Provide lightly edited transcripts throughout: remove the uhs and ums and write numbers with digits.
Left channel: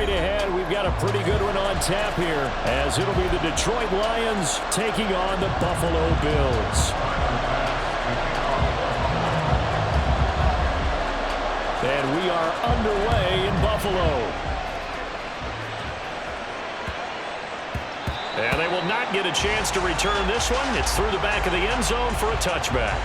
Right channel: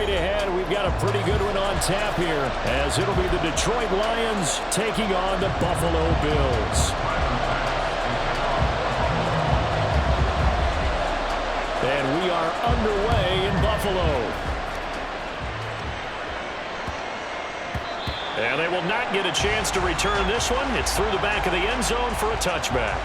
straight ahead. We've got a pretty good one on tap here, as it'll be the Detroit Lions taking on the Buffalo Bills. And we are underway in Buffalo. And they will not get a chance to return this one. It's through the back of the end zone for a touchback.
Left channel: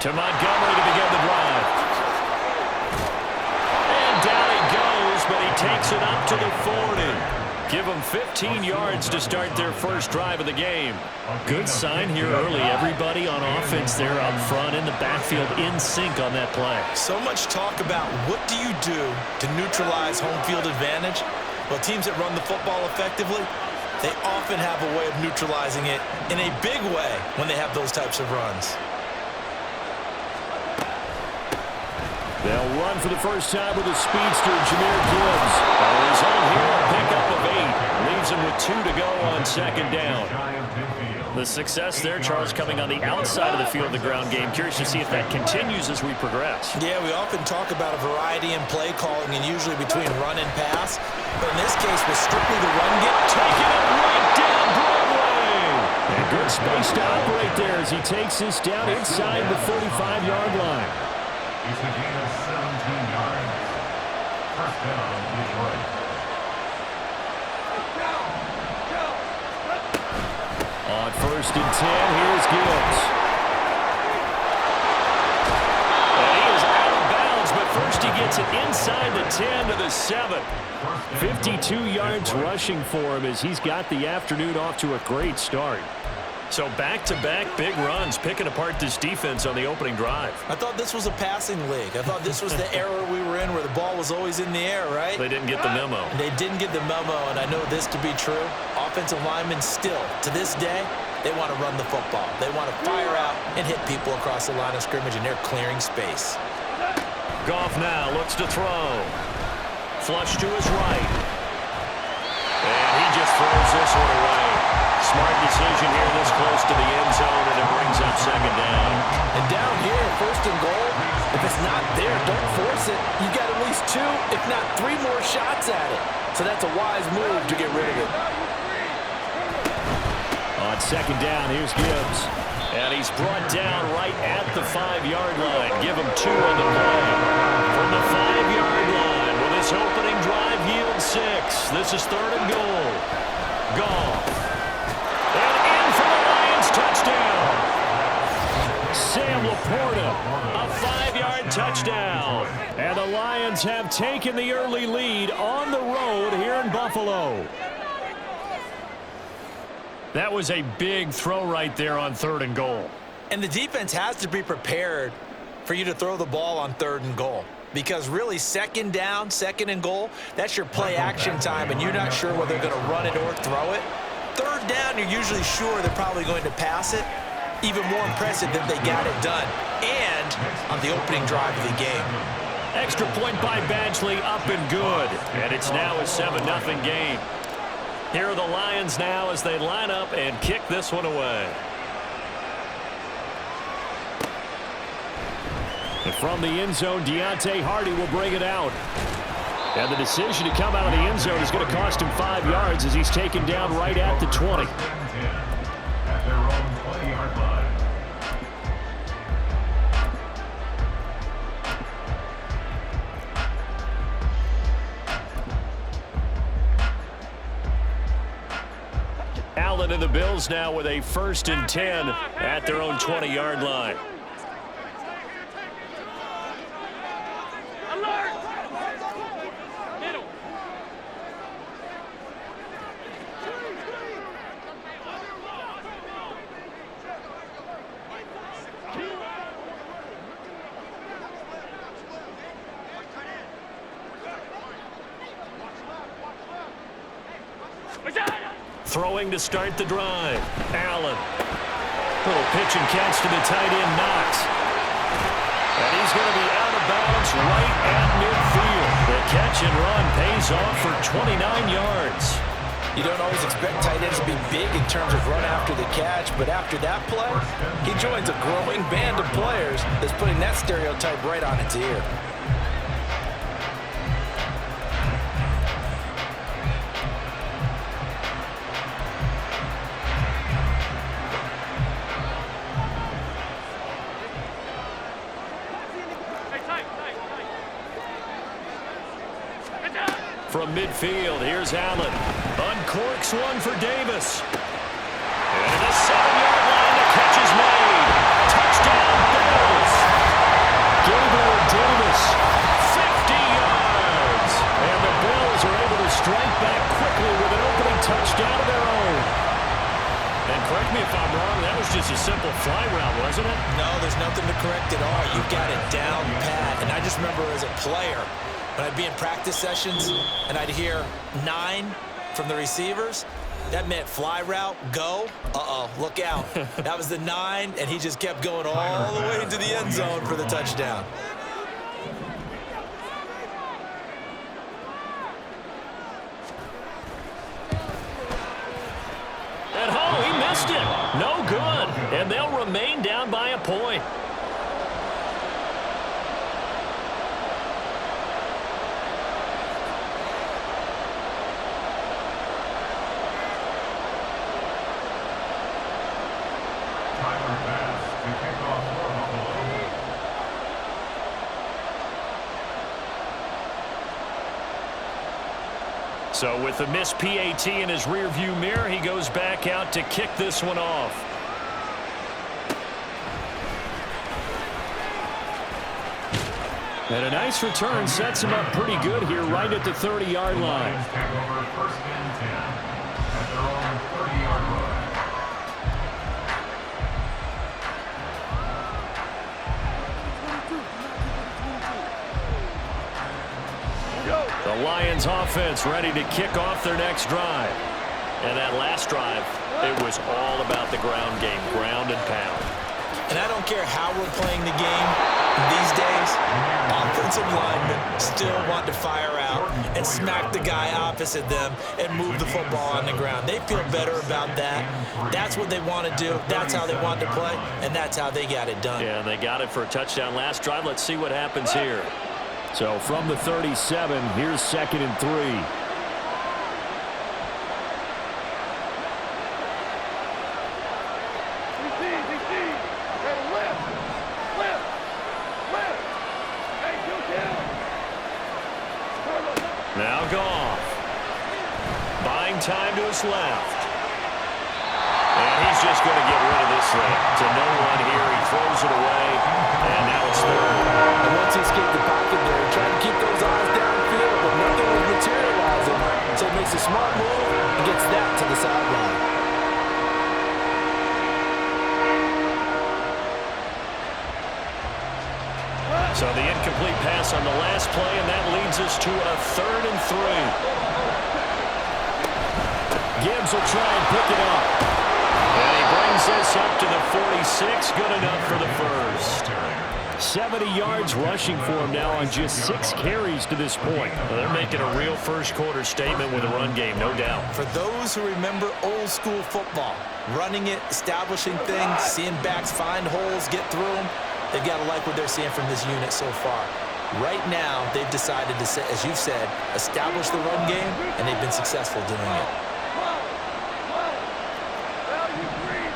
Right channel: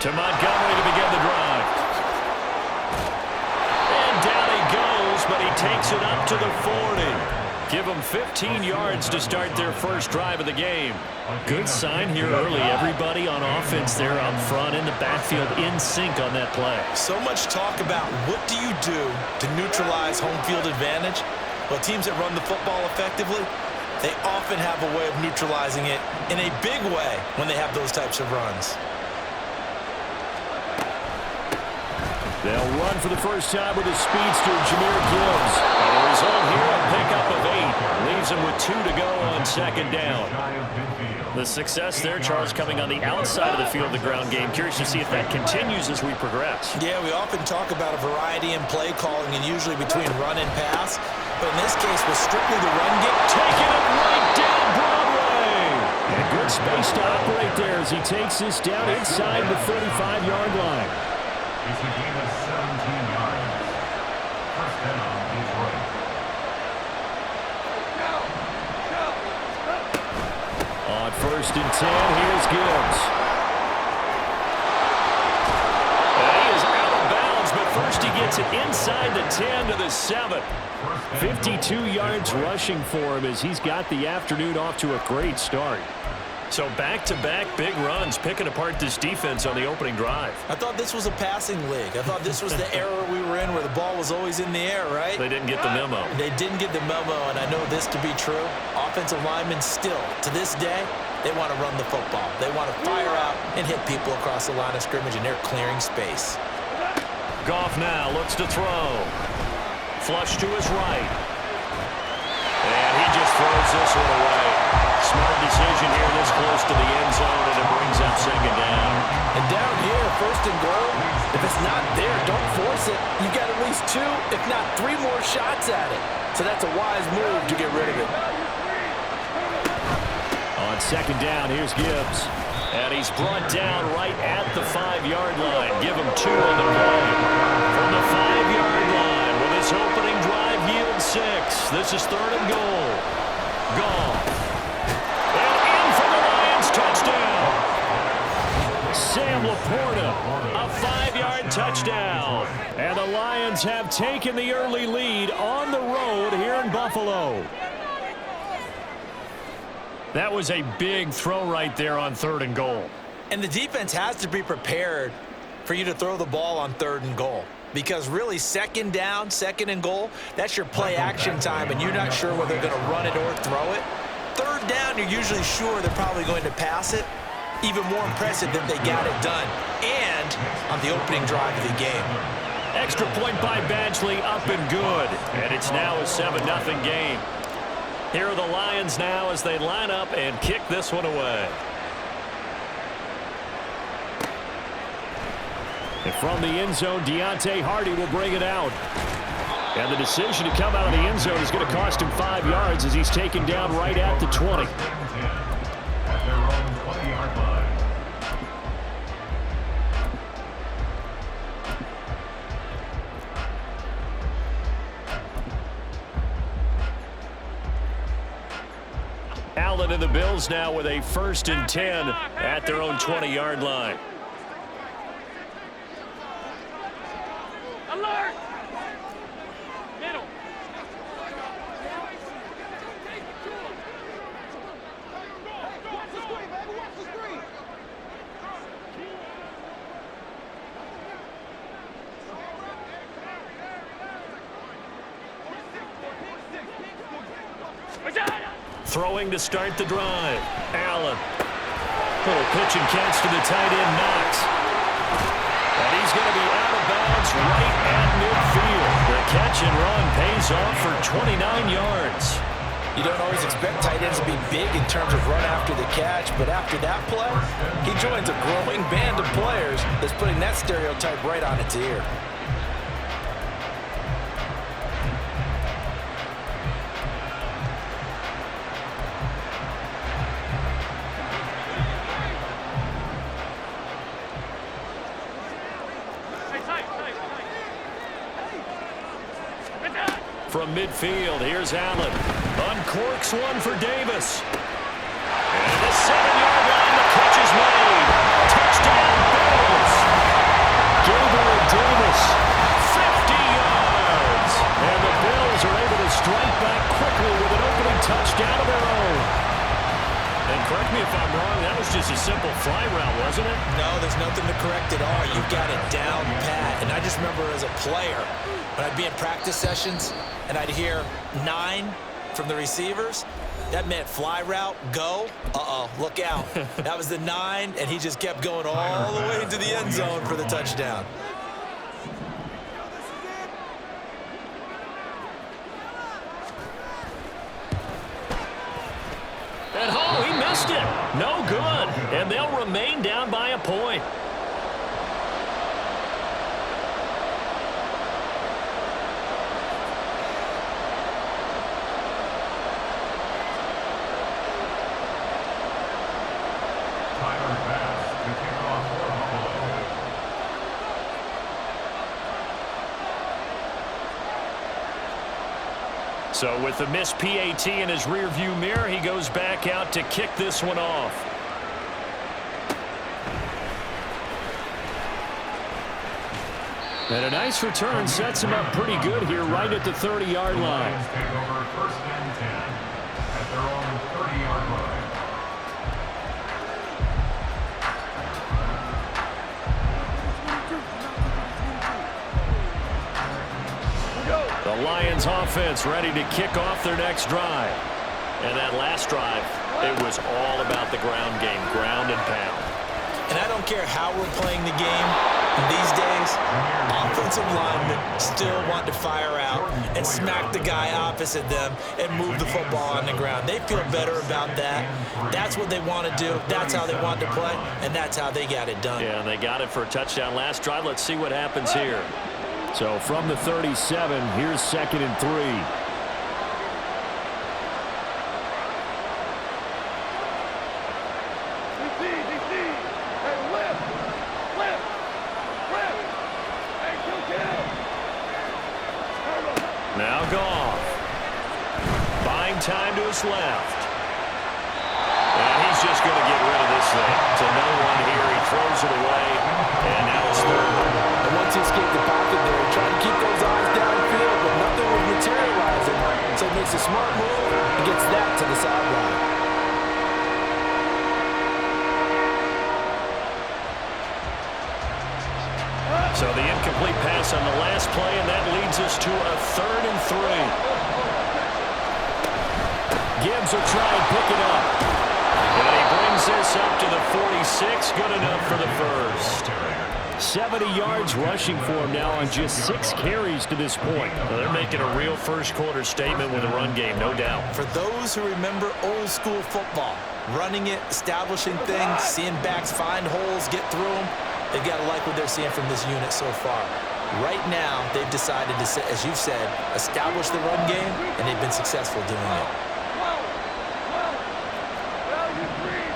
To Montgomery to begin the drive. And down he goes, but he takes it up to the 40. Give them 15 yards to start their first drive of the game. Good sign here early. Everybody on offense there up front in the backfield in sync on that play. So much talk about what do you do to neutralize home field advantage? Well, teams that run the football effectively, they often have a way of neutralizing it in a big way when they have those types of runs. They'll run for the first time with a speedster, Jahmyr Gibbs. And the result here, a pickup of 8. Leaves him with 2 to go on second down. The success there, Charles, coming on the outside of the field of the ground game. Curious to see if that continues as we progress. Yeah, we often talk about a variety in play calling and usually between run and pass. But in this case, with strictly the run game, taking it right down Broadway. And good space to operate there as he takes this down inside the 35-yard line. It's a gain of 17 yards. First down, Detroit. On 1st and 10, here's Gibbs. And he is out of bounds, but first he gets it inside the 10 to the 7. 52 yards rushing for him as he's got the afternoon off to a great start. So back-to-back big runs, picking apart this defense on the opening drive. I thought this was a passing league. I thought this was the era we were in where the ball was always in the air, right? They didn't get the memo. They didn't get the memo, and I know this to be true. Offensive linemen still, to this day, they want to run the football. They want to fire out and hit people across the line of scrimmage, and they're clearing space. Goff now looks to throw. Flush to his right. And he just throws this one away. Smart decision here this close to the end zone, and it brings up second down. And down here, 1st and goal, if it's not there, don't force it. You've got at least 2, if not 3 more shots at it. So that's a wise move to get rid of it. On second down, here's Gibbs. And he's brought down right at the 5-yard line. Give him 2 on the play. From the 5-yard line, will this opening drive yield 6? This is 3rd and goal. Goff. And in for the Lions touchdown. Sam Laporta, a 5-yard touchdown. And the Lions have taken the early lead on the road here in Buffalo. That was a big throw right there on 3rd and goal. And the defense has to be prepared for you to throw the ball on 3rd and goal. Because really, 2nd down, 2nd and goal, that's your play action time, and you're not sure whether they're going to run it or throw it. 3rd down, you're usually sure they're probably going to pass it. Even more impressive that they got it done. And on the opening drive of the game. Extra point by Badgley, up and good. And it's now a 7-0 game. Here are the Lions now as they line up and kick this one away. And from the end zone, Deontay Hardy will bring it out. And the decision to come out of the end zone is going to cost him 5 yards as he's taken down right at the 20. At their own 20-yard line. Allen and the Bills now with a 1st and 10 at their own 20-yard line. Alert! Middle. Watch out! Throwing to start the drive. Allen. Little pitch and catch to the tight end, Knox. And he's going to be out of bounds right at midfield. The catch and run pays off for 29 yards. You don't always expect tight ends to be big in terms of run after the catch, but after that play, he joins a growing band of players that's putting that stereotype right on its ear. From midfield, here's Allen. Uncorks one for Davis. And at the 7-yard line, the catch is made. Touchdown, Bills. Gabriel Davis, 50 yards. And the Bills are able to strike back quickly with an opening touchdown of their own. And correct me if I'm wrong, that was just a simple fly route, wasn't it? No, there's nothing to correct at all. You've got it down pat. And I just remember as a player, when I'd be in practice sessions and I'd hear 9 from the receivers, that meant fly route, go. Uh-oh, look out. That was the 9, and he just kept going all the way into the end zone for the touchdown. And oh, he missed it. No good. And they'll remain down by a point. So with the missed PAT in his rearview mirror, he goes back out to kick this one off. And a nice return sets him up pretty good here right at the 30-yard line. Take over 1st and 10 at their own 30-yard line. The Lions offense ready to kick off their next drive. And that last drive, it was all about the ground game, ground and pound. And I don't care how we're playing the game these days, offensive linemen still want to fire out and smack the guy opposite them and move the football on the ground. They feel better about that. That's what they want to do. That's how they want to play, and that's how they got it done. Yeah, and they got it for a touchdown last drive. Let's see what happens here. So from the 37, here's 2nd and 3. DC. Hey, lift. Hey, kill. Now Goff. Buying time to his left. And he's just going to get rid of this thing. To no one here. He throws it away. And now it's 3rd. And once he escaped the pocket there, he tried to keep those eyes downfield, but nothing was materializing. So he makes a smart move and gets that to the sideline. So the incomplete pass on the last play, and that leads us to a 3rd and 3. Gibbs will try and pick it up. And he brings this up to the 46. Good enough for the first. 70 yards rushing for him now on just 6 carries to this point. Well, they're making a real first-quarter statement with a run game, no doubt. For those who remember old-school football, running it, establishing things, seeing backs find holes, get through them, they've got to like what they're seeing from this unit so far. Right now, they've decided to, as you've said, establish the run game, and they've been successful doing it. Value three.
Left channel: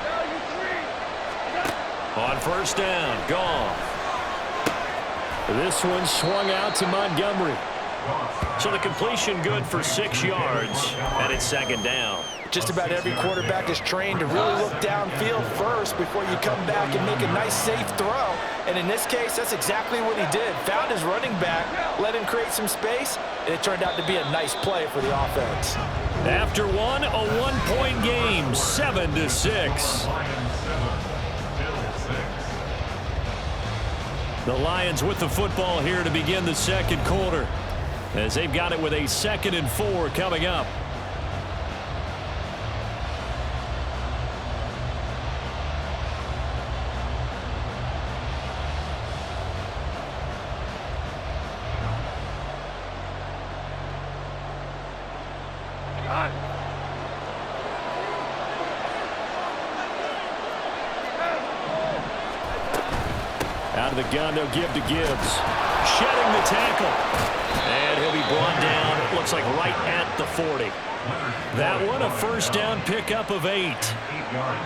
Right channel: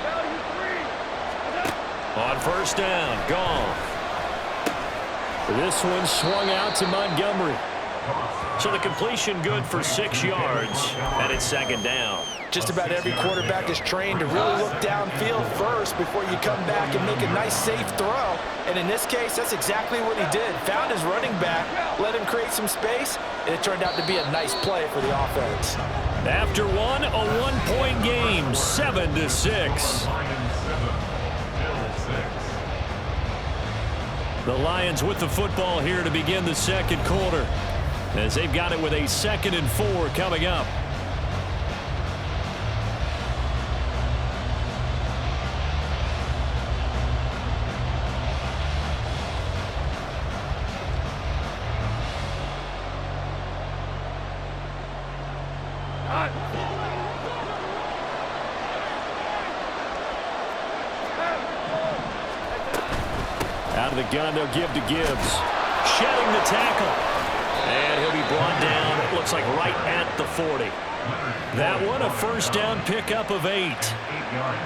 On first down, Goff. This one swung out to Montgomery. So the completion good for 6 yards, and it's 2nd down. Just about every quarterback is trained to really look downfield first before you come back and make a nice, safe throw. And in this case, that's exactly what he did. Found his running back, let him create some space, and it turned out to be a nice play for the offense. After one, a 1-point game, 7-6. The Lions with the football here to begin the 2nd quarter, as they've got it with a 2nd and 4 coming up. Out of the gun, they'll give to Gibbs. Shedding the tackle. And he'll be brought down, it looks like right at the 40. That one, a first down pickup of 8.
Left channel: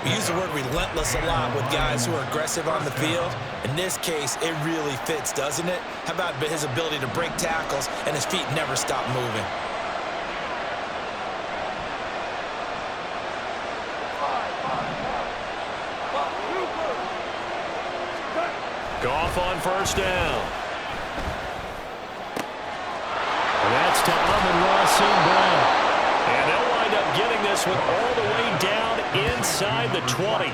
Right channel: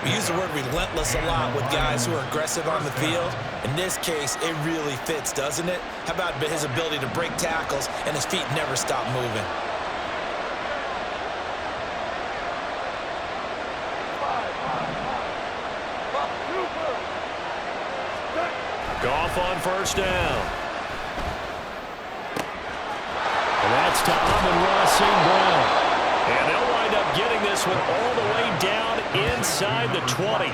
We use the word relentless a lot with guys who are aggressive on the field. In this case, it really fits, doesn't it? How about his ability to break tackles and his feet never stop moving? Goff on first down. And that's to Amon-Ra St. Brown. And they'll wind up getting this one all the way down inside the 20.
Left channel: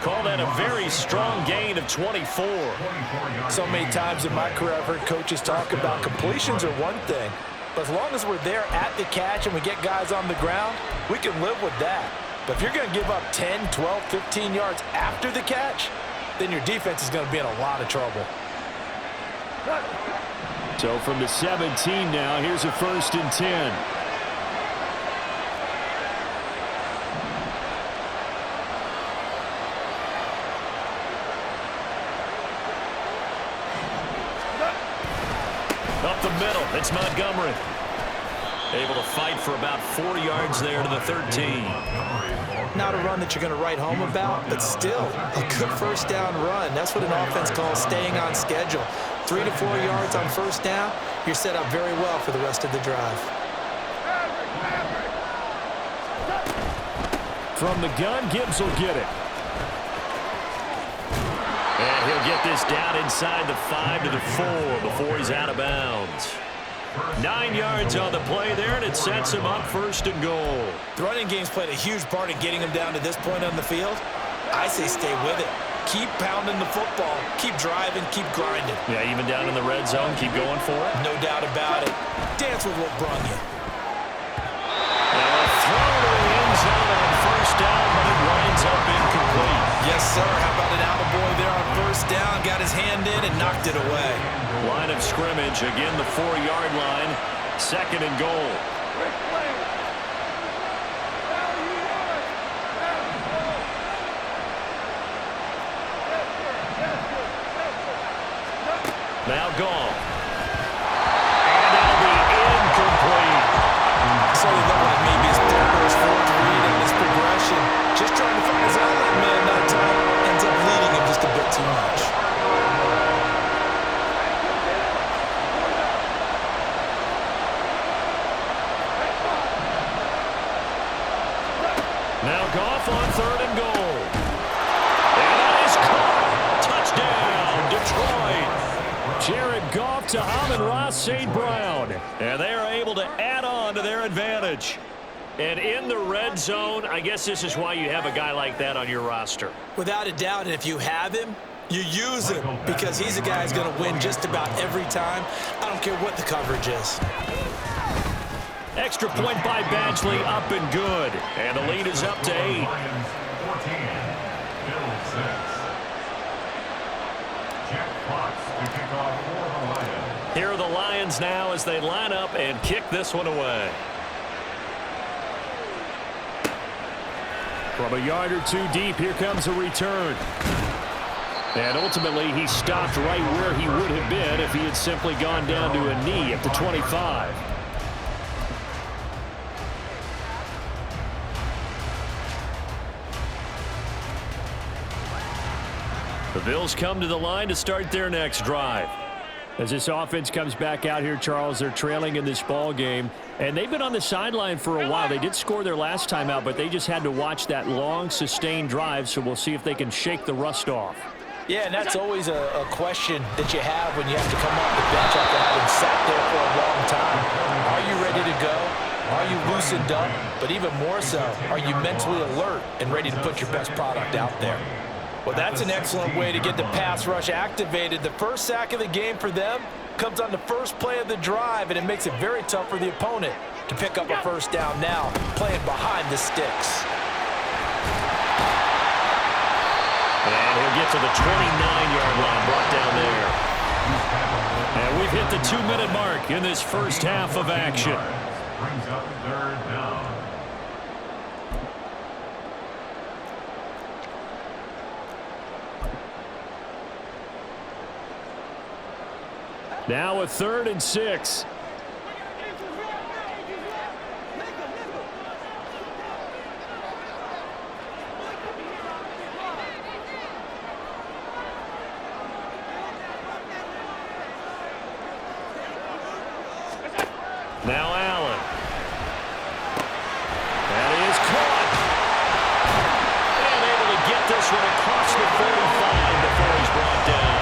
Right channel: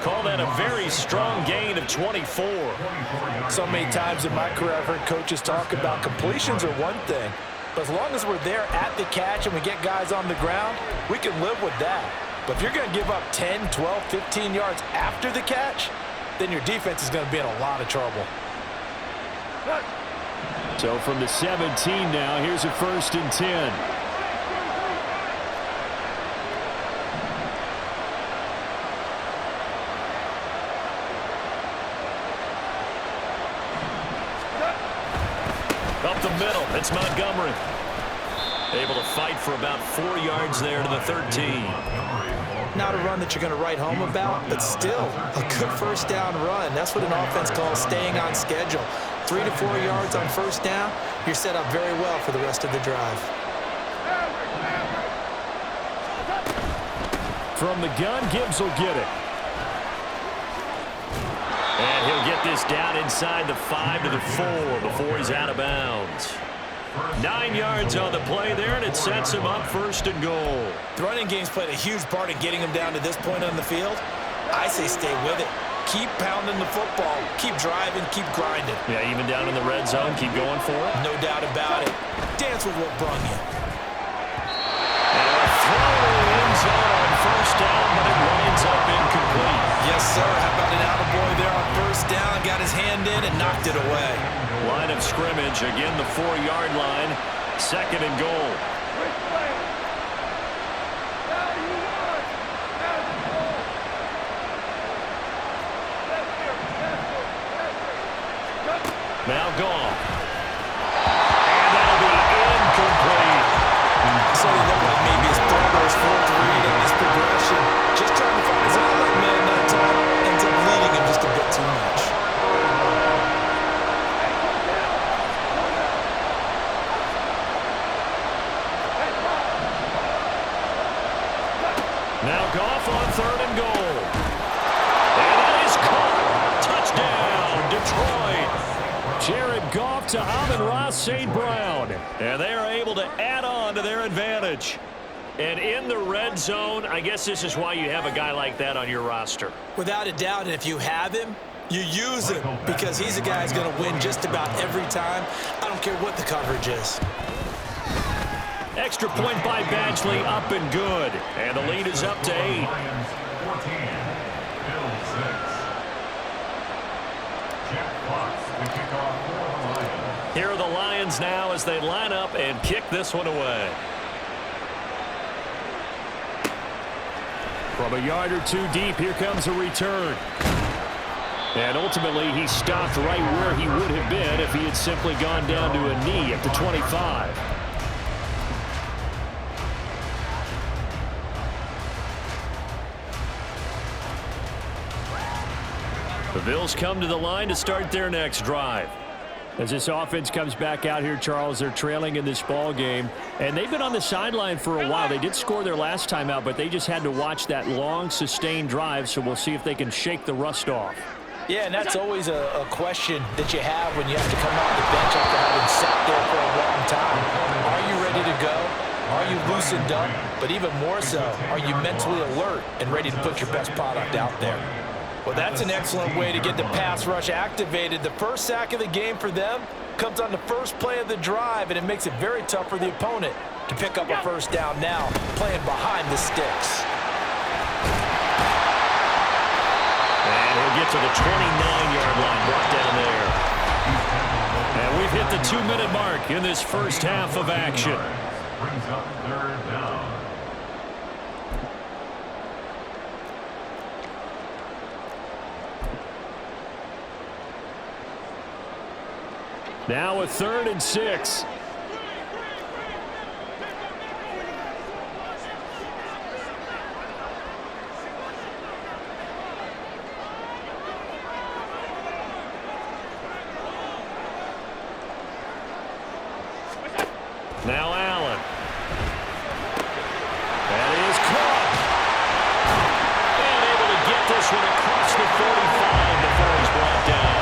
Call that a very strong gain of 24. So many times in my career I've heard coaches talk about completions are one thing, but as long as we're there at the catch and we get guys on the ground, we can live with that. But if you're going to give up 10, 12, 15 yards after the catch, then your defense is going to be in a lot of trouble. So from the 17 now, here's a 1st and 10. Up the middle, it's Montgomery. Able to fight for about 4 yards there to the 13. Not a run that you're going to write home about, but still a good first down run. That's what an offense calls staying on schedule. 3 to 4 yards on first down, you're set up very well for the rest of the drive. From the gun, Gibbs will get it. And he'll get this down inside the 5 to the 4 before he's out of bounds. 9 yards on the play there, and it sets him up 1st and goal. The running game's played a huge part in getting him down to this point on the field. I say stay with it. Keep pounding the football. Keep driving. Keep grinding. Yeah, even down in the red zone, keep going for it. No doubt about it. Dance with what brung you. And a throw to the end zone on first down, but it winds up incomplete. Yes, sir. How about an attaboy there on first down? Got his hand in and knocked it away. Line of scrimmage, again the 4-yard line. 2nd and goal. Now Goff. And that'll be incomplete. So you look like maybe his 3rd or his 4th read on this progression. Just trying to find his outlet man that time. Ends up leading him just a bit too much. Now Goff on 3rd and goal. And that is caught. Touchdown, Detroit. Jared Goff to Amon-Ra St. Brown. And they are able to add on to their advantage. And in the red zone, I guess this is why you have a guy like that on your roster. Without a doubt, and if you have him, you use him because he's a guy who's going to win just about every time. I don't care what the coverage is. Extra point by Badgley, up and good. And the lead is up to 8. Lions 14, Bills 6. Jack Fox to kick off for the Lions. Here are the Lions now as they line up and kick this one away. From a yard or 2 deep, here comes a return. And ultimately, he stopped right where he would have been if he had simply gone down to a knee at the 25. The Bills come to the line to start their next drive. As this offense comes back out here, Charles, they're trailing in this ball game, and they've been on the sideline for a while. They did score their last time out, but they just had to watch that long, sustained drive, so we'll see if they can shake the rust off. Yeah, and that's always a question that you have when you have to come off the bench after having sat there for a long time. Are you ready to go? Are you loosened up? But even more so, are you mentally alert and ready to put your best product out there? Well, that's an excellent way to get the pass rush activated. The first sack of the game for them comes on the first play of the drive, and it makes it very tough for the opponent to pick up a first down now, playing behind the sticks. And he'll get to the 29-yard line, brought down there. And we've hit the 2-minute mark in this first half of action. Brings up 3rd down. Now a 3rd and 6. Now Allen. That is caught. And able to get this one across the 45 before he's brought down.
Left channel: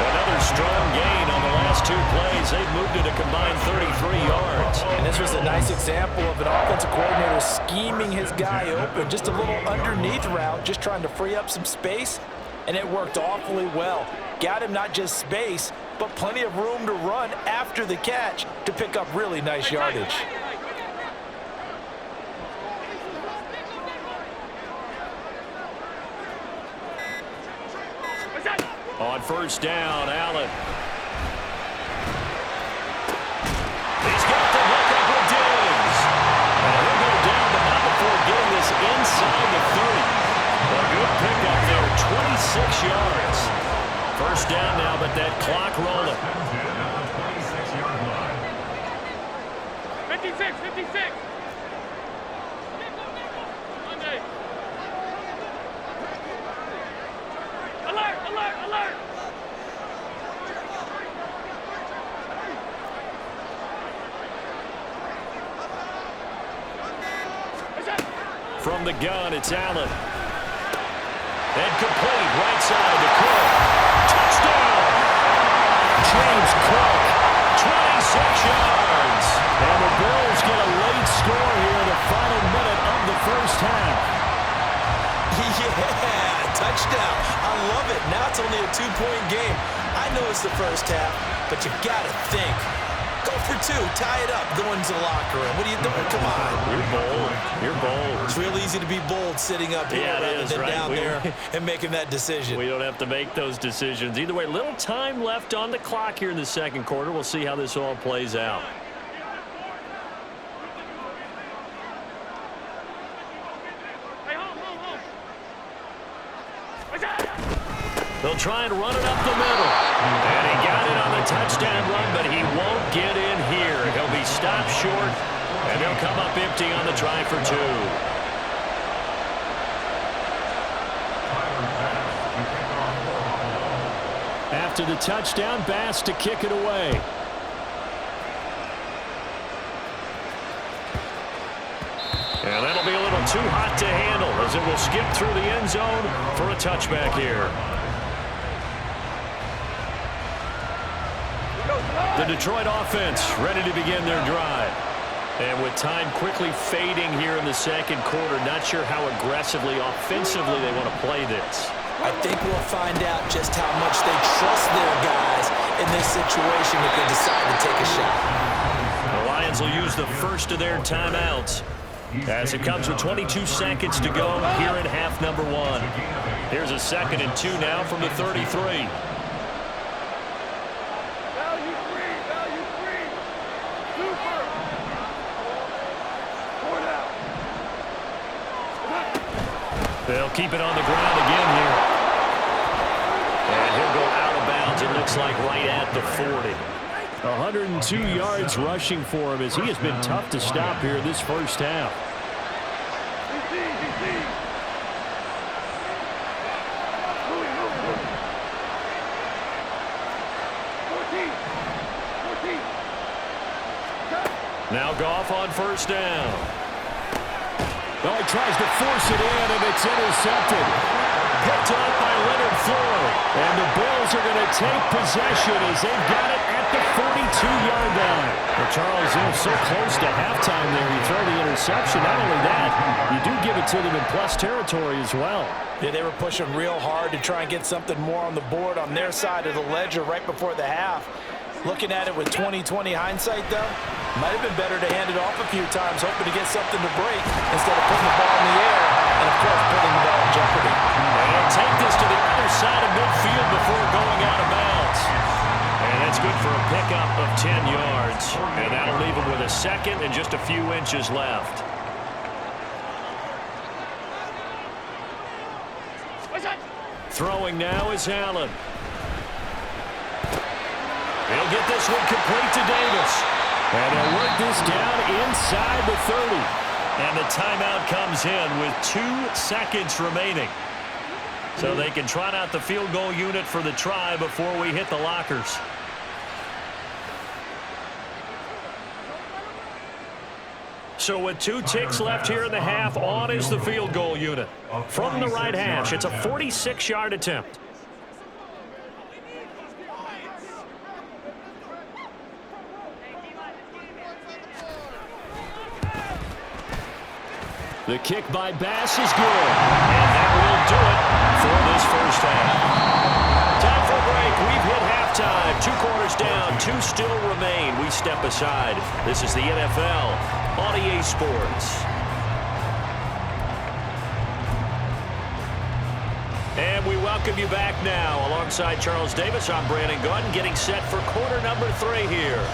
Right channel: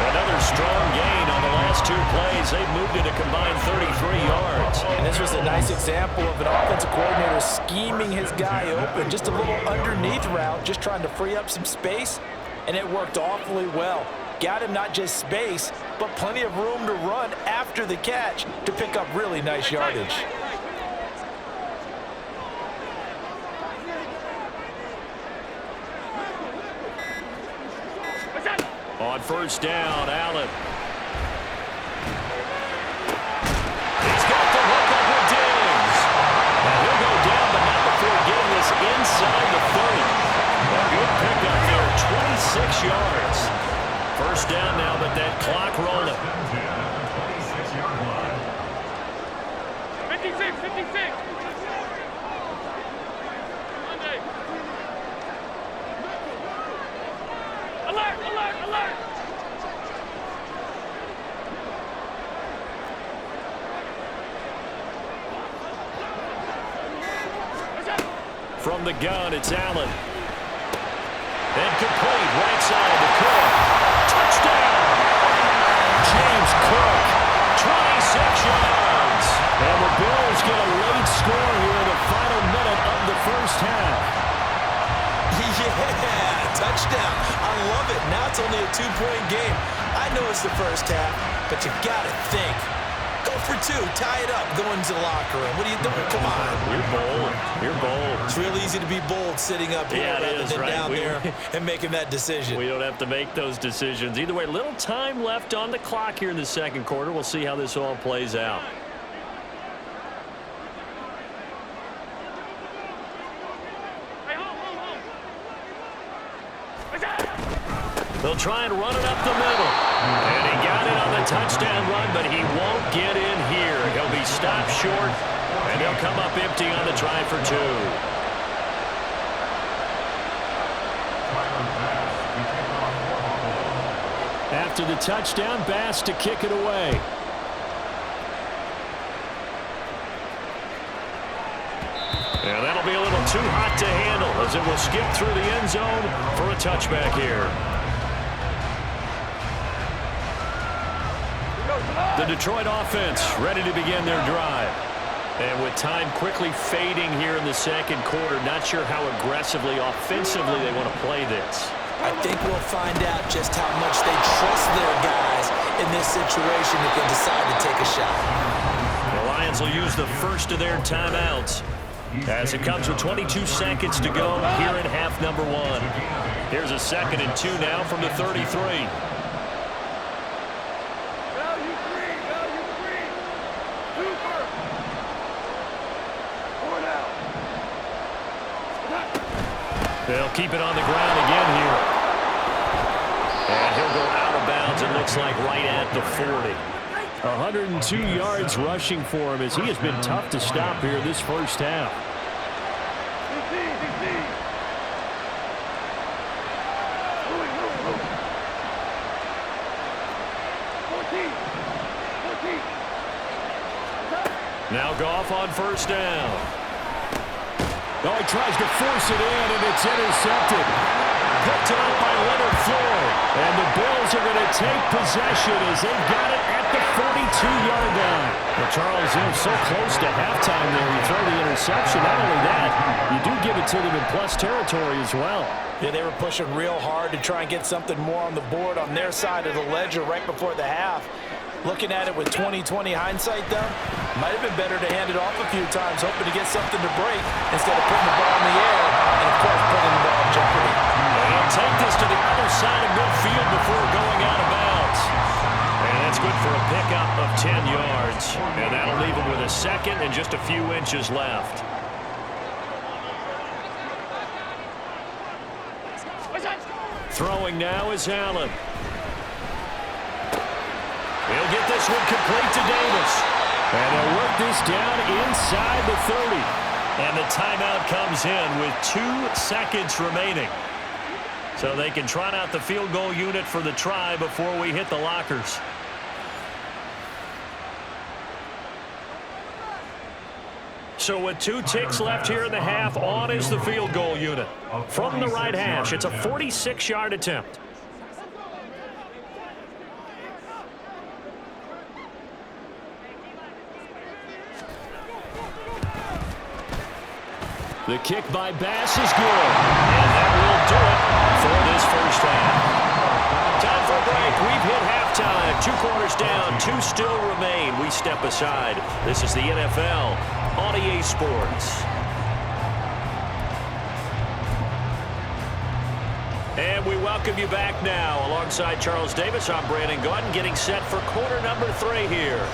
Another strong gain on the last 2 plays. They've moved it a combined 33 yards. And this was a nice example of an offensive coordinator scheming his guy open. Just a little underneath route, just trying to free up some space, and it worked awfully well. Got him not just space, but plenty of room to run after the catch to pick up really nice yardage. On 1st down, Allen. He's got the hook up with Diggs. And he'll go down, but not before getting this inside the 30. A good pickup there, 26 yards. 1st down now, but that clock rolling. 56, 56. Monday. Alert, alert, alert. From the gun, it's Allen. And complete, right side to Cook. Touchdown! James Cook, 26 yards. And the Bills get a late score here in the final minute of the 1st half. Yeah, touchdown. I love it. Now it's only a 2-point game. I know it's the 1st half, but you got to think. Go for 2, tie it up, go into the locker room. What are you doing? Come on. You're bold. You're bold. It's real easy to be bold sitting up here rather than down there and making that decision. We don't have to make those decisions. Either way, little time left on the clock here in the 2nd quarter. We'll see how this all plays out. They'll try and run it up the middle. And he got it on the touchdown run, but he won't get in here. He'll be stopped short, and they'll come up empty on the try for 2. After the touchdown, Bass to kick it away. And that'll be a little too hot to handle as it will skip through the end zone for a touchback here. The Detroit offense ready to begin their drive. And with time quickly fading here in the 2nd quarter, not sure how aggressively, offensively they want to play this. I think we'll find out just how much they trust their guys in this situation if they decide to take a shot. The Lions will use the first of their timeouts as it comes with 22 seconds to go here in half number 1. Here's a 2nd and 2 now from the 33. Value three. Super. 4 down. They'll keep it on the ground again here. And he'll go out of bounds, it looks like, right at the 40. 102 yards rushing for him as he has been tough to stop here this 1st half. DC. Louis. 14. Now Goff on 1st down. Oh, he tries to force it in, and it's intercepted. Picked off by Leonard Floyd. And the Bills are going to take possession as they've got it at the 42-yard line. Well, Charles, so close to halftime there. You throw the interception. Not only that, you do give it to them in plus territory as well. Yeah, they were pushing real hard to try and get something more on the board on their side of the ledger right before the half. Looking at it with 20/20 hindsight, though, might have been better to hand it off a few times, hoping to get something to break instead of putting the ball in the air and, of course, putting the ball in jeopardy. And he'll take this to the other side of midfield before going out of bounds. And that's good for a pickup of 10 yards. And that'll leave him with a 2nd and just a few inches left. Throwing now is Allen. He'll get this one complete to Davis. And he'll work this down inside the 30. And the timeout comes in with 2 seconds remaining. So they can trot out the field goal unit for the try before we hit the lockers. So with 2 ticks left here in the half, on is the field goal unit. From the right hash, it's a 46-yard attempt. The kick by Bass is good. And that will do it for this first half. Time for a break. We've hit halftime. 2 quarters down. 2 still remain. We step aside. This is the NFL on EA Sports. And we welcome you back now. Alongside Charles Davis, I'm Brandon Gaudin, getting set for quarter number 3 here.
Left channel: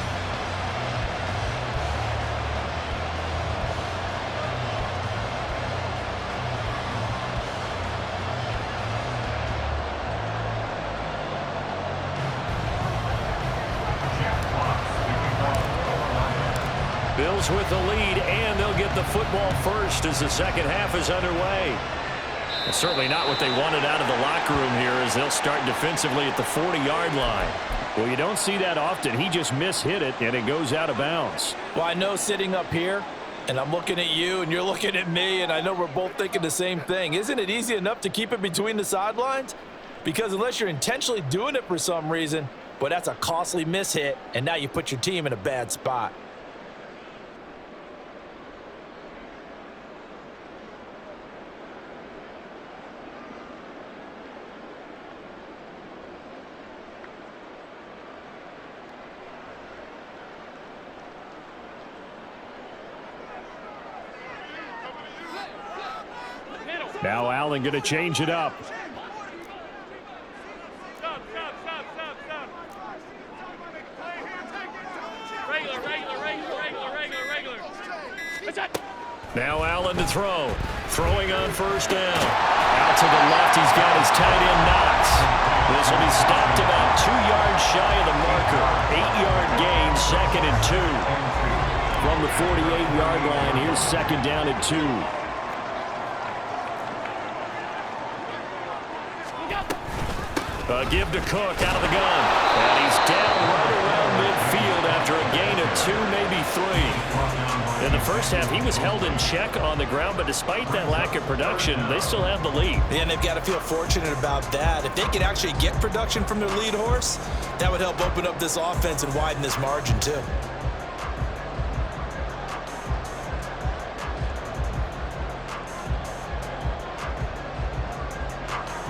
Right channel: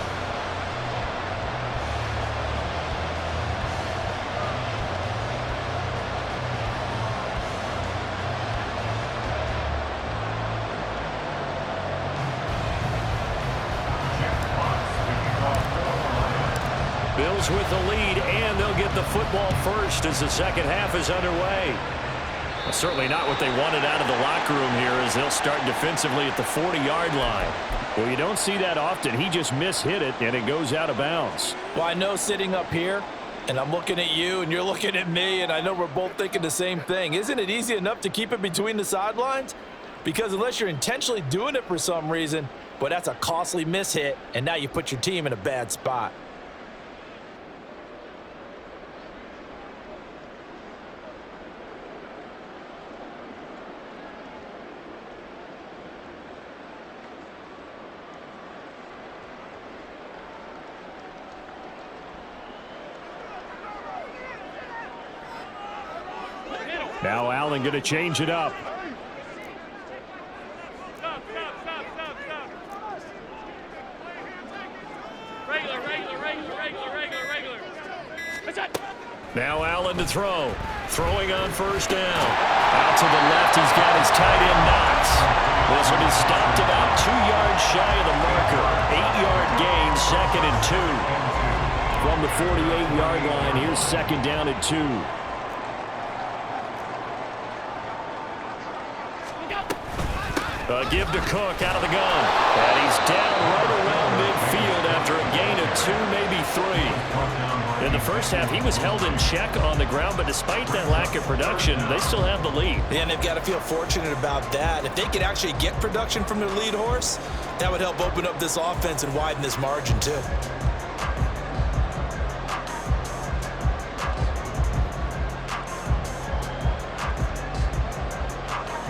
Bills with the lead, and they'll get the football first as the second half is underway. Well, certainly not what they wanted out of the locker room here, as they'll start defensively at the 40-yard line. Well, you don't see that often. He just mishit it, and it goes out of bounds. Well, I know sitting up here, and I'm looking at you, and you're looking at me, and I know we're both thinking the same thing. Isn't it easy enough to keep it between the sidelines? Because unless you're intentionally doing it for some reason, but that's a costly mishit, and now you put your team in a bad spot. Now Allen going to change it up. Stop. Regular. That's it. Now Allen to throw. Throwing on first down. Out to the left, he's got his tight end Knox. This will be stopped about 2 yards shy of the marker. 8-yard gain, 2nd and 2. From the 48-yard line, here's 2nd down and 2. A give to Cook out of the gun. And he's down right around midfield after a gain of 2, maybe 3. In the first half, he was held in check on the ground, but despite that lack of production, they still have the lead. Yeah, and they've got to feel fortunate about that. If they could actually get production from their lead horse, that would help open up this offense and widen this margin too.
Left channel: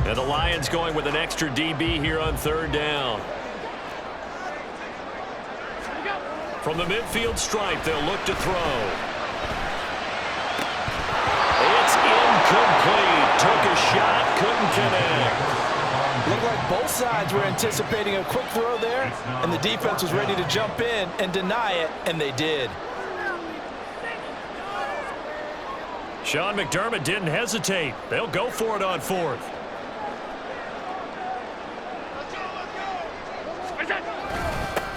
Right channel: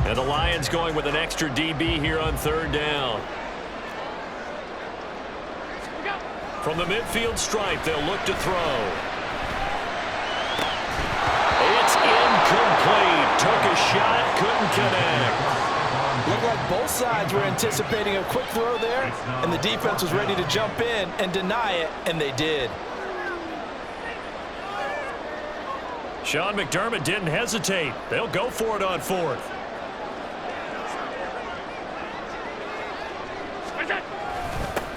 And the Lions going with an extra DB here on 3rd down. From the midfield stripe, they'll look to throw. It's incomplete. Took a shot, couldn't connect. Looked like both sides were anticipating a quick throw there, and the defense was ready to jump in and deny it, and they did. Sean McDermott didn't hesitate. They'll go for it on 4th.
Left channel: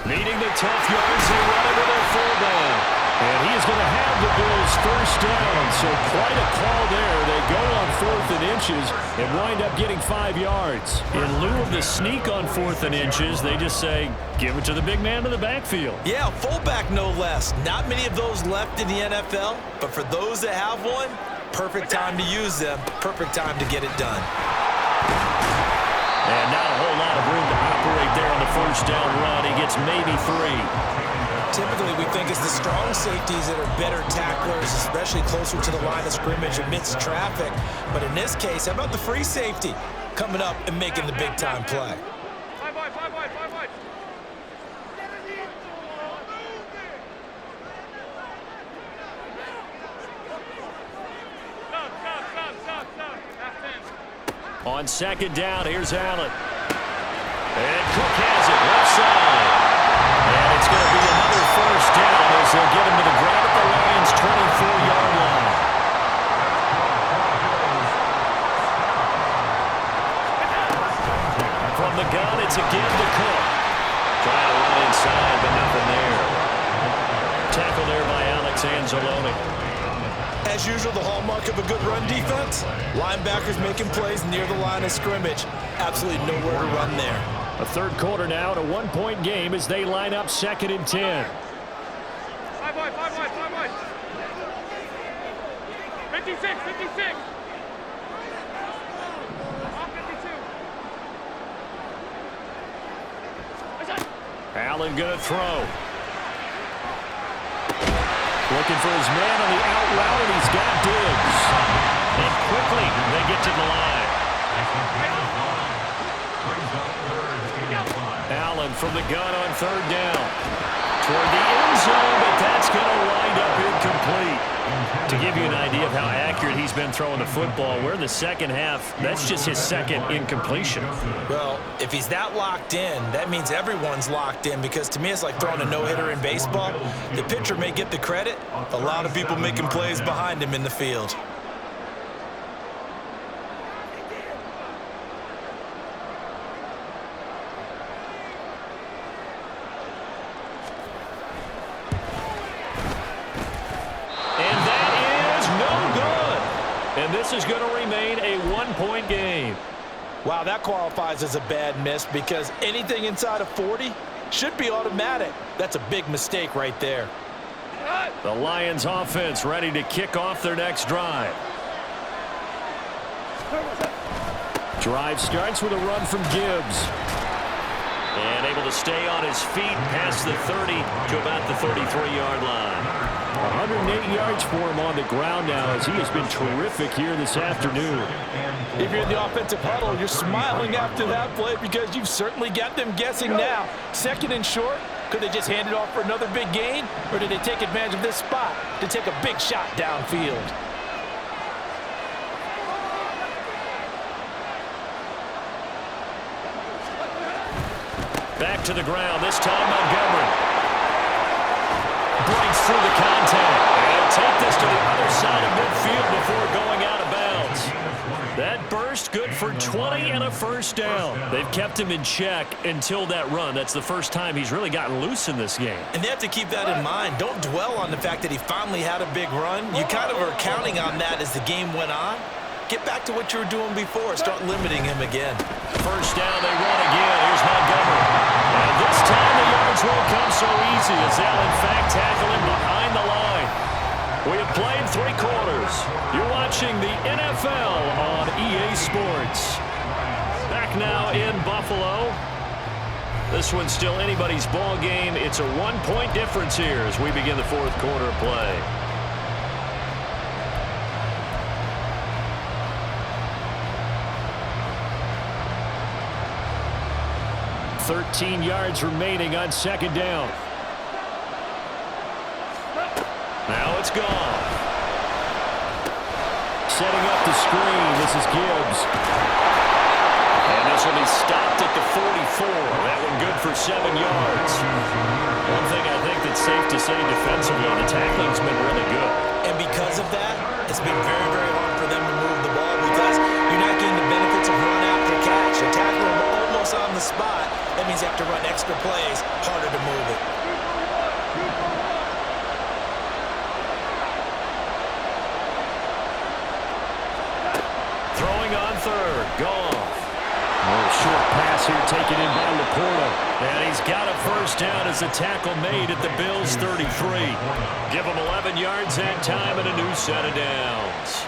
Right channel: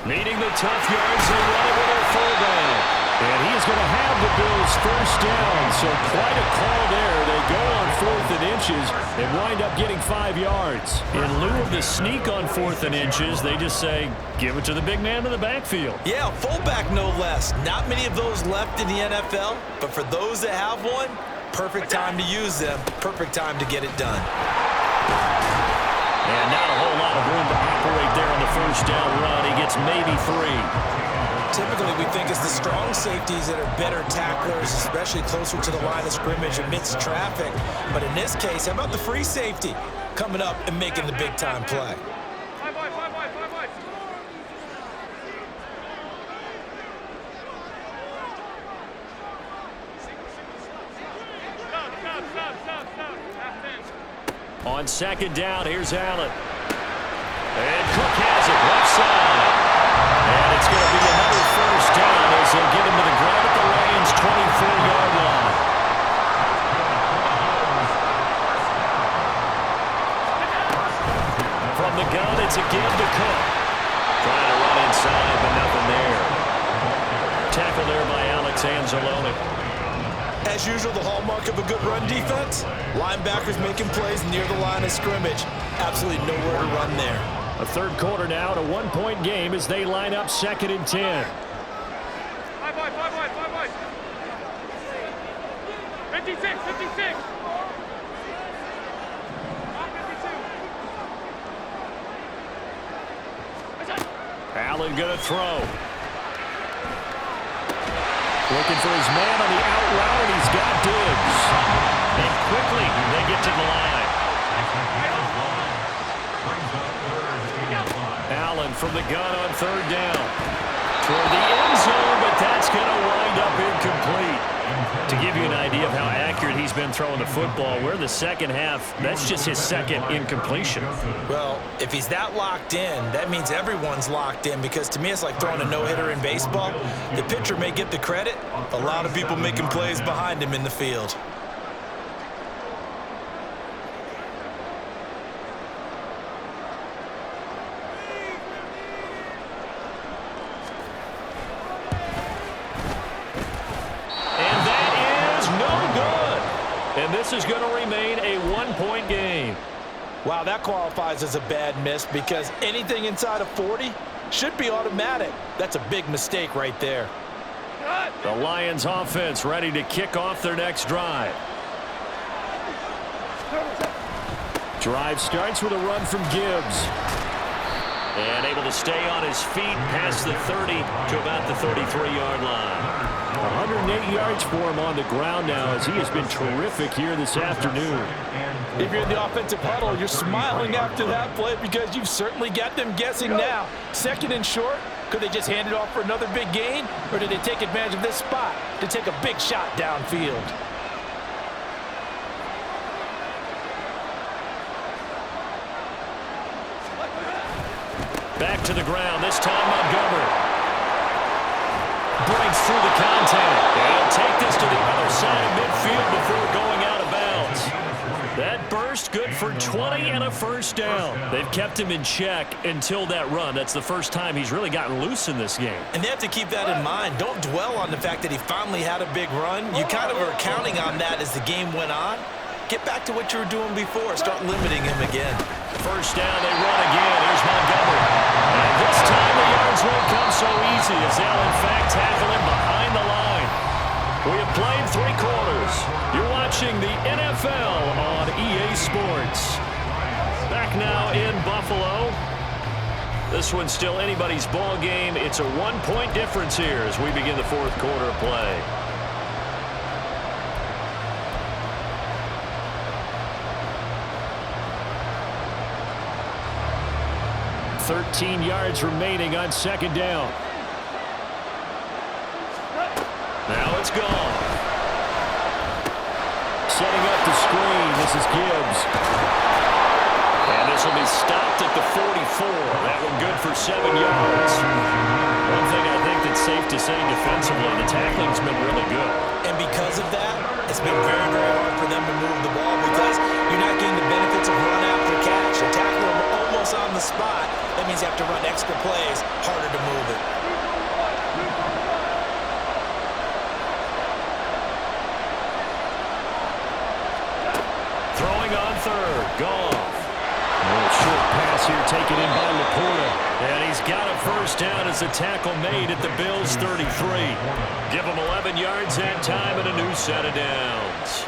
Needing the tough yards, they run it with their fullback. And he is going to have the Bills first down, so quite a call there. They go on 4th and inches and wind up getting 5 yards. In lieu of the sneak on 4th and inches, they just say, give it to the big man in the backfield. Yeah, fullback no less. Not many of those left in the NFL, but for those that have one, perfect time to use them, perfect time to get it done. And not a whole lot of room to operate there on the first down run. He gets maybe 3. Typically, we think it's the strong safeties that are better tacklers, especially closer to the line of scrimmage amidst traffic. But in this case, how about the free safety coming up and making the big-time play? Five wide. Stop. Half 10. On 2nd down, here's Allen. And Cook has it, left side. And it's going to be another first down as they'll get him to the ground at the Lions' 24-yard line. From the gun, it's a give to Cook. Trying to run inside, but nothing there. Tackle there by Alex Anzalone. As usual, the hallmark of a good run defense, linebackers making plays near the line of scrimmage. Absolutely nowhere to run there. A third quarter now, and a one-point game as they line up 2nd and 10. 5 wide, 5 wide, 5 wide. 56, 56. On 52. Allen going to throw. Looking for his man on the out route, and he's got Diggs. And quickly, they get to the line. Allen from the gun on 3rd down. Toward the end zone, but that's going to wind up incomplete. To give you an idea of how accurate he's been throwing the football, we're in the second half. That's just his 2nd incompletion. Well, if he's that locked in, that means everyone's locked in, because to me it's like throwing a no-hitter in baseball. The pitcher may get the credit, a lot of people making plays behind him in the field. And this is going to remain a one-point game. Wow, that qualifies as a bad miss, because anything inside of 40 should be automatic. That's a big mistake right there. The Lions offense ready to kick off their next drive. Drive starts with a run from Gibbs. And able to stay on his feet past the 30 to about the 33-yard line. 108 yards for him on the ground now, as he has been terrific here this afternoon. If you're in the offensive huddle, you're smiling after that play, because you've certainly got them guessing now. 2nd and short, could they just hand it off for another big gain, or did they take advantage of this spot to take a big shot downfield? Back to the ground, this time Montgomery. Breaks through the contact. And he'll take this to the other side of midfield before going out of bounds. That burst good for 20 and a first down. They've kept him in check until that run. That's the first time he's really gotten loose in this game. And they have to keep that in mind. Don't dwell on the fact that he finally had a big run. You kind of are counting on that as the game went on. Get back to what you were doing before. Start limiting him again. First down, they run again. Here's Montgomery. And this time the yards won't come so easy, as they'll in fact tackle him behind the line. We have played 3 quarters. You're watching the NFL on EA Sports. Back now in Buffalo. This one's still anybody's ball game. It's a 1-point difference here as we begin the 4th quarter of play. 13 yards remaining on 2nd down. Now it's gone. Setting up the screen. This is Gibbs. And this will be stopped at the 44. That one good for 7 yards. One thing I think that's safe to say defensively, the tackling's been really good. And because of that, it's been very, very hard for them to move the ball, because you're not getting the benefits of run after catch. You tackle them almost on the spot. That means you have to run extra plays, harder to move it. Throwing on 3rd. Goff. A short pass here taken in by Laporta. And he's got a first down as the tackle made at the Bills' 33. Give him 11 yards that time and a new set of downs.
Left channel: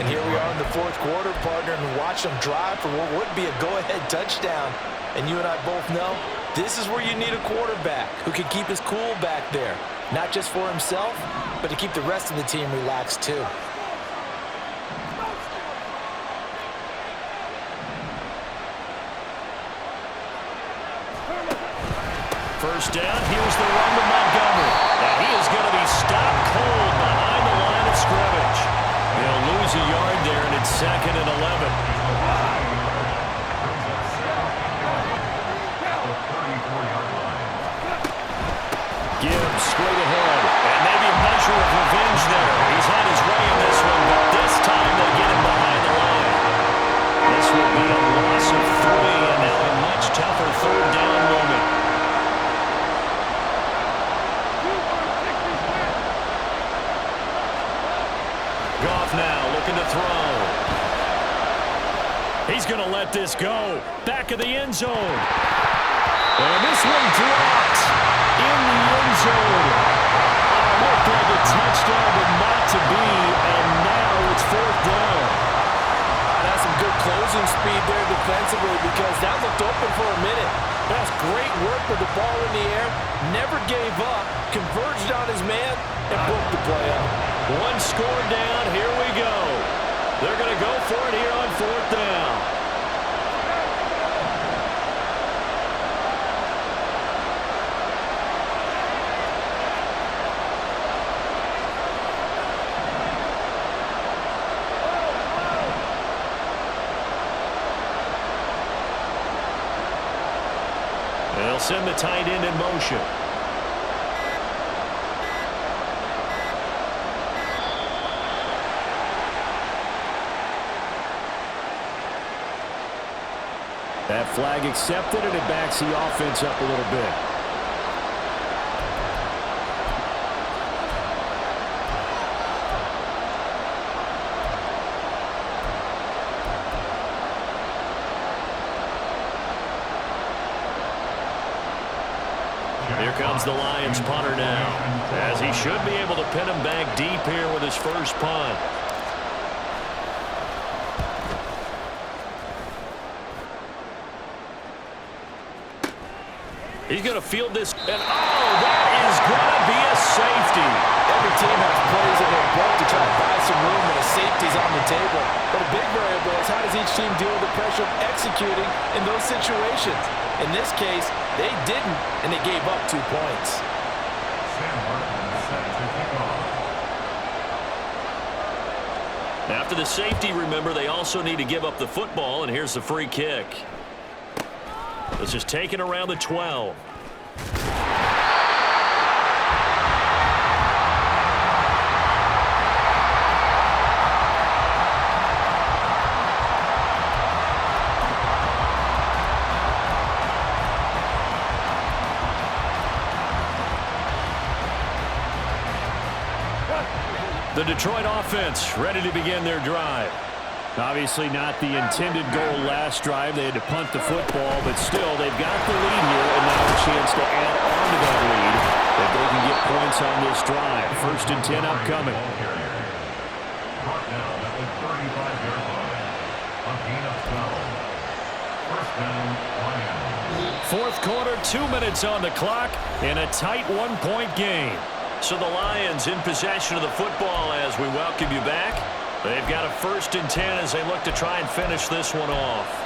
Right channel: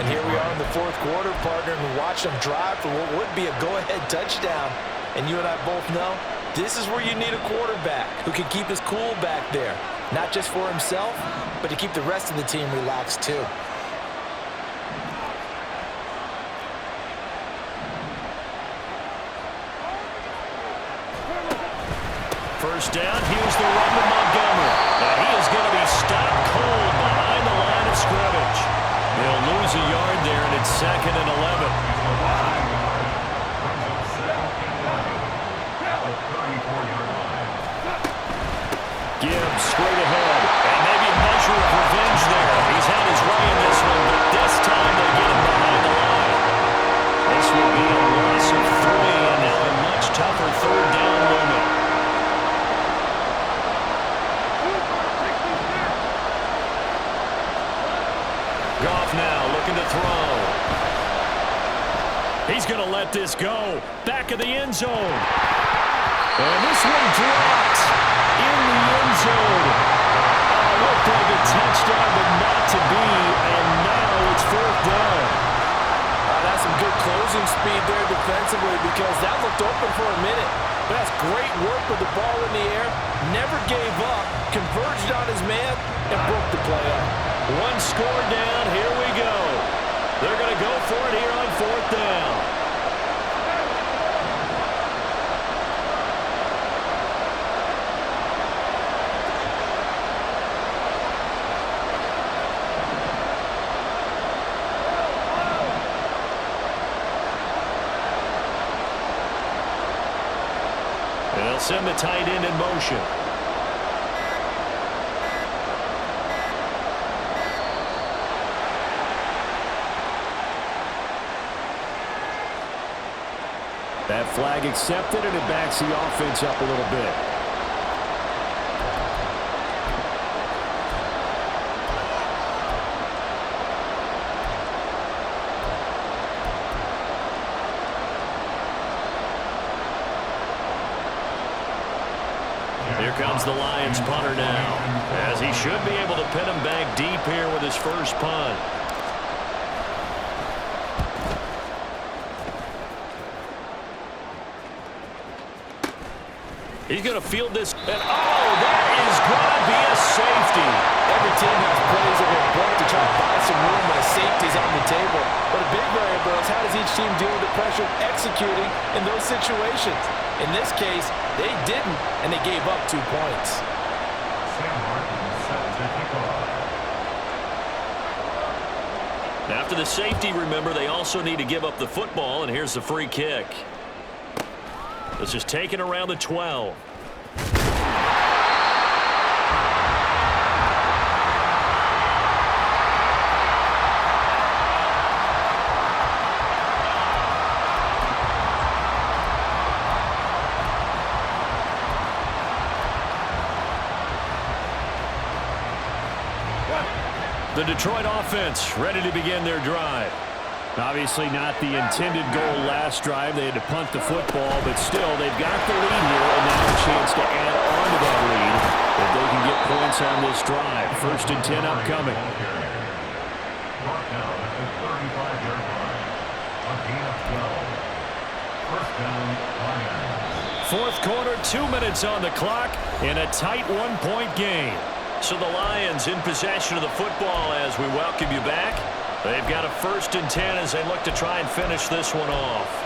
And here we are in the 4th quarter, partner, and watch them drive for what would be a go-ahead touchdown. And you and I both know this is where you need a quarterback who can keep his cool back there. Not just for himself, but to keep the rest of the team relaxed too. First down, here's the run to Montgomery. Now he is going to be stopped cold behind the line of scrimmage. He'll lose a yard there, and it's 2nd and 11. Gibbs straight ahead, and maybe a measure of revenge there. He's had his way in this one, but this time they get him behind the line. This will be a loss of 3, and now a much tougher 3rd down moment. now looking to throw. He's going to let this go. Back of the end zone. And this one dropped in the end zone. Looked like a touchdown, but not to be. And now it's fourth down. That's some good closing speed there defensively because that looked open for a minute. But that's great work with the ball in the air. Never gave up. Converged on his man and broke the play up. One score down. Here we go. They're going to go for it here on fourth down. They'll send the tight end in motion. That flag accepted, and it backs the offense up a little bit. Here comes the Lions punter now, as he should be able to pin him back deep here with his first punt. He's going to field this, and that is going to be a safety. Every team has plays in their book to try to buy some room when a safety's on the table. But a big variable is how does each team deal with the pressure of executing in those situations. In this case, they didn't, and they gave up 2 points. Sam Martin set to kick off. After the safety, remember, they also need to give up the football, and here's the free kick. This is taken around the 12. The Detroit offense ready to begin their drive. Obviously not the intended goal last drive. They had to punt the football, but still, they've got the lead here, and now a chance to add on to that lead if they can get points on this drive. 1st and 10 upcoming. Brought down at the 35-yard line. A gain of 12. First down, Lions. Fourth quarter, 2 minutes on the clock in a tight 1-point game. So the Lions in possession of the football as we welcome you back. They've got a 1st and 10 as they look to try and finish this one off.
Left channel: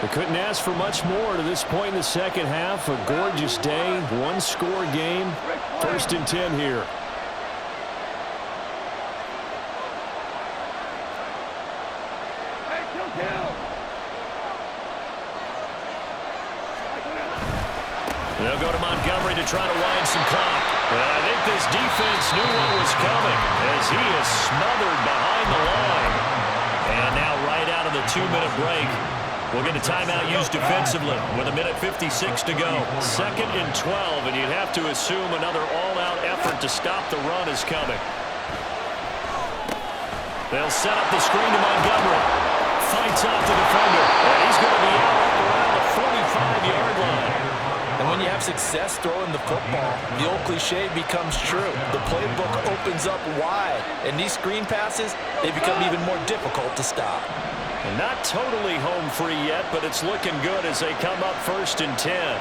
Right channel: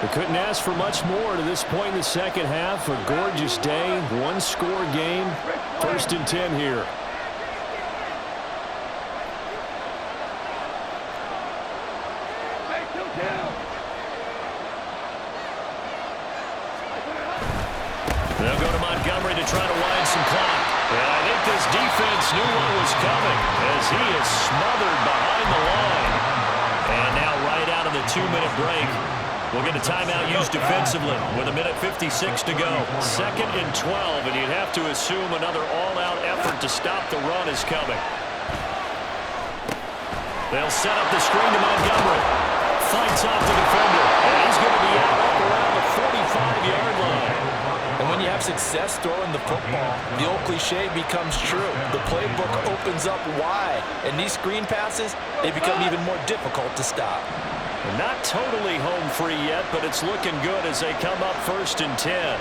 They couldn't ask for much more to this point in the second half. A gorgeous day, 1-score game. 1st and 10 here. They'll go to Montgomery to try to wind some clock. And I think this defense knew what was coming as he is smothered behind the line. And now right out of the 2-minute break, we'll get a timeout used defensively with 1:56 to go. 2nd and 12, and you'd have to assume another all-out effort to stop the run is coming. They'll set up the screen to Montgomery. Fights off the defender, and he's going to be out up around the 45-yard line. And when you have success throwing the football, the old cliche becomes true. The playbook opens up wide, and these screen passes, they become even more difficult to stop. And not totally home free yet, but it's looking good as they come up 1st and 10.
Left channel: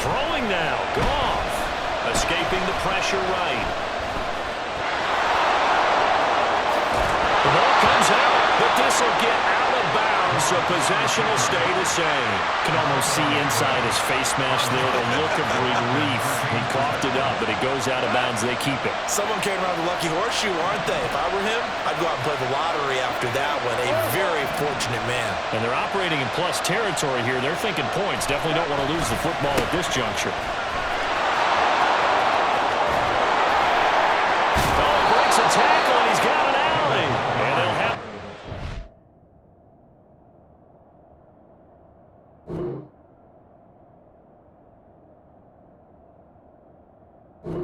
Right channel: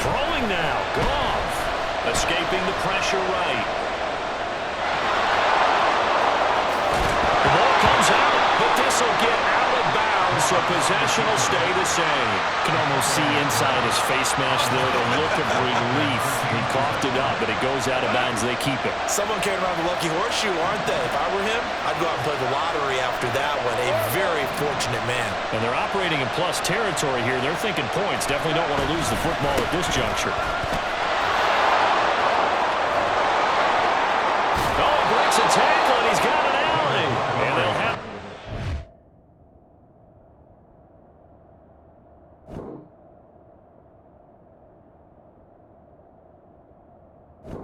Throwing now, Goff, escaping the pressure right. The ball comes out, but this will get out of bounds, so possession will stay the same. Can almost see inside his face mask there the look of relief. He coughed it up, but it goes out of bounds. They keep it. Someone carrying around the lucky horseshoe, aren't they? If I were him, I'd go out and play the lottery after that one. A very fortunate man. And they're operating in plus territory here. They're thinking points. Definitely don't want to lose the football at this juncture. Oh, he breaks a tackle, and he's got